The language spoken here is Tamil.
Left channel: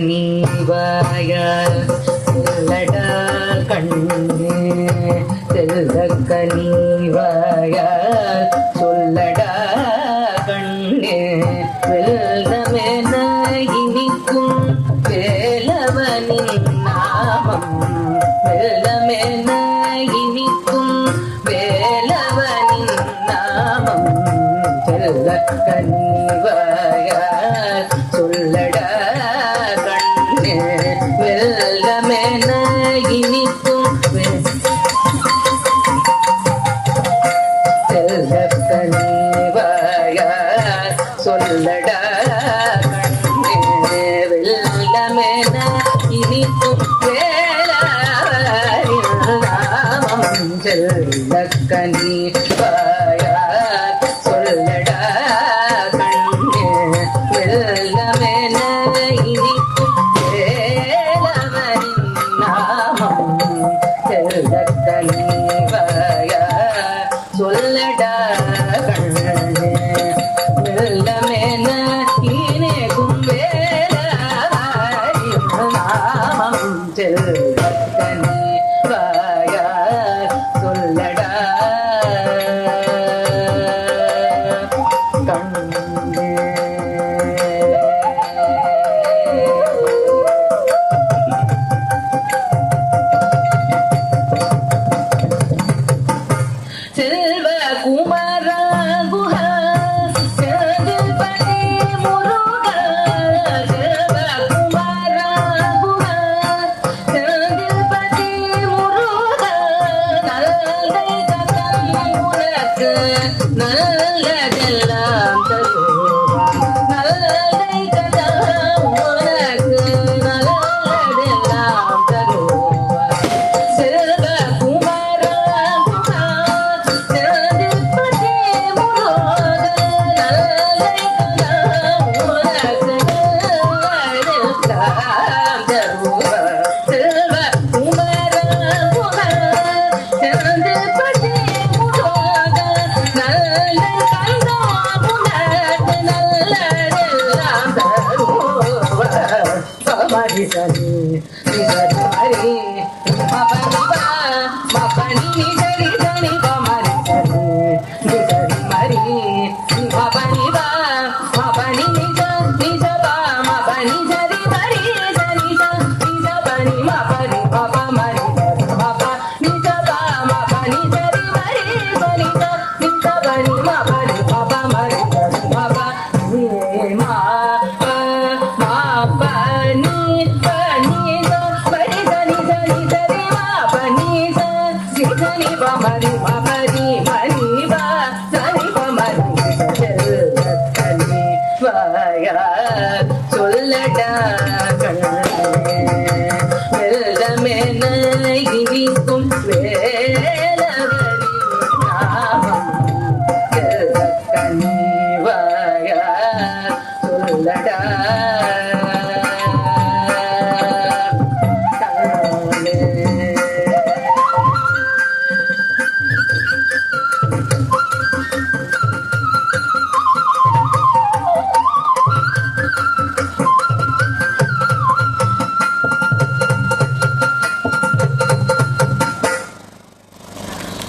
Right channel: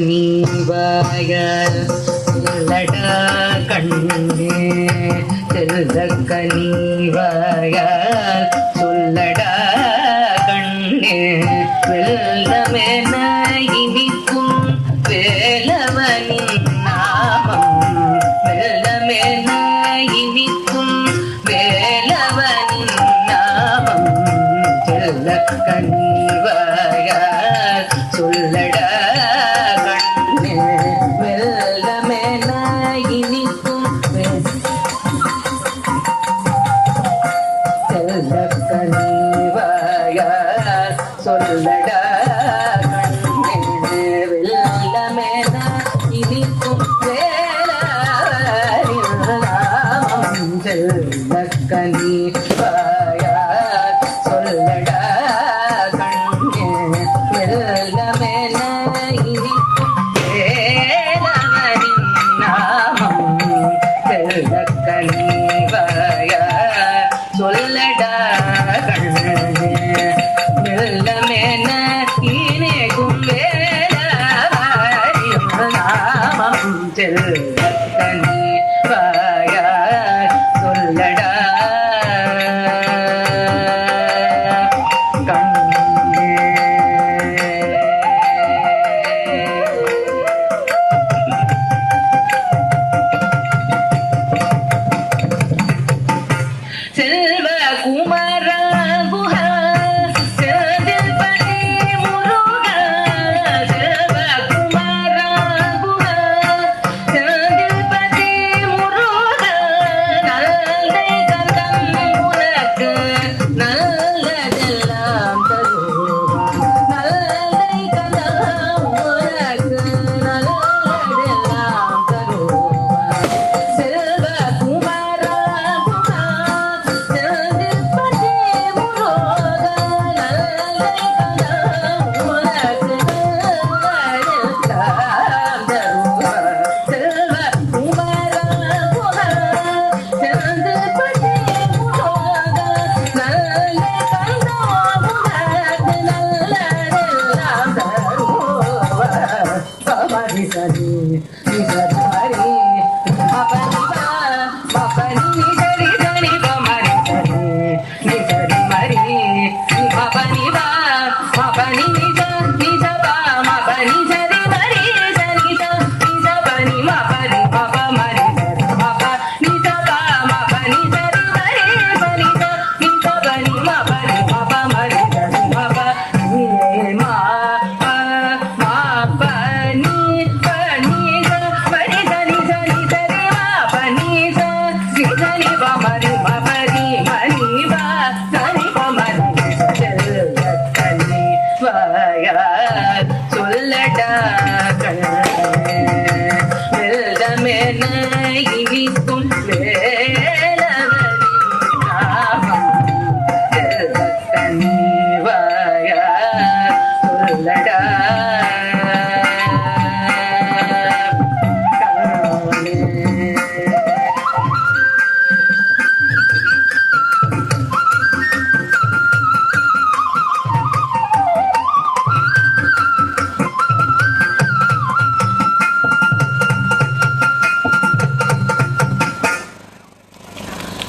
செல்லக்கனிவாய செல்லடா கண்ணே செல்லக்கனிவாய சொல்லடா கண்ணே வெள்ளமென இனிக்கும் வேலவனின் நாமம் வெள்ளமென இனிக்கும் வேலவனின் நாமம் செல்லக்கனிவாய சொல்லடா கண்ணே வெள்ளமென இனிக்கும் செல்லக்கனிவாய சொல்லடா கண்ணே வெள்ளமென இனிக்கும் வேலவனின் நாமம் செல்லக்கனிவாய சொல்லடா கண்ணே வெள்ளமென இனிக்கும் வேலவனின் நாமம் செல்லக்கனிவாய சொல்லடா கண்ணே வெள்ளமென இனிக்கும் வேலவனின் நாமம் செல்லக்கனிவாய சொல்லடா கண்ணே. செல்வ குமரா குஹா செல்வபதி முருகா செல்வ குமரா குஹா செல்வபதி முருகா நல்லதை தந்தம் உனக்கு நல்லதெல்லாம் தருவான் நல்லதை தந்தம் உனக்கு நல்லதெல்லாம் தருவான் செல்வ குமரா குஹா செல்வபதி முருகா நல்லதை தந்தம் உனக்கு நல்லதெல்லாம் தருவான் செல்வ குமரா குஹா செல்வபதி முருகா நல்லதை தந்தம் உனக்கு நல்லதெல்லாம் தருவான் சமரி சரி நிசரி மபனிவா மபனி சரி சரி பமரி சரி நிசரி மரி மபனிவா மபனி நிச நிச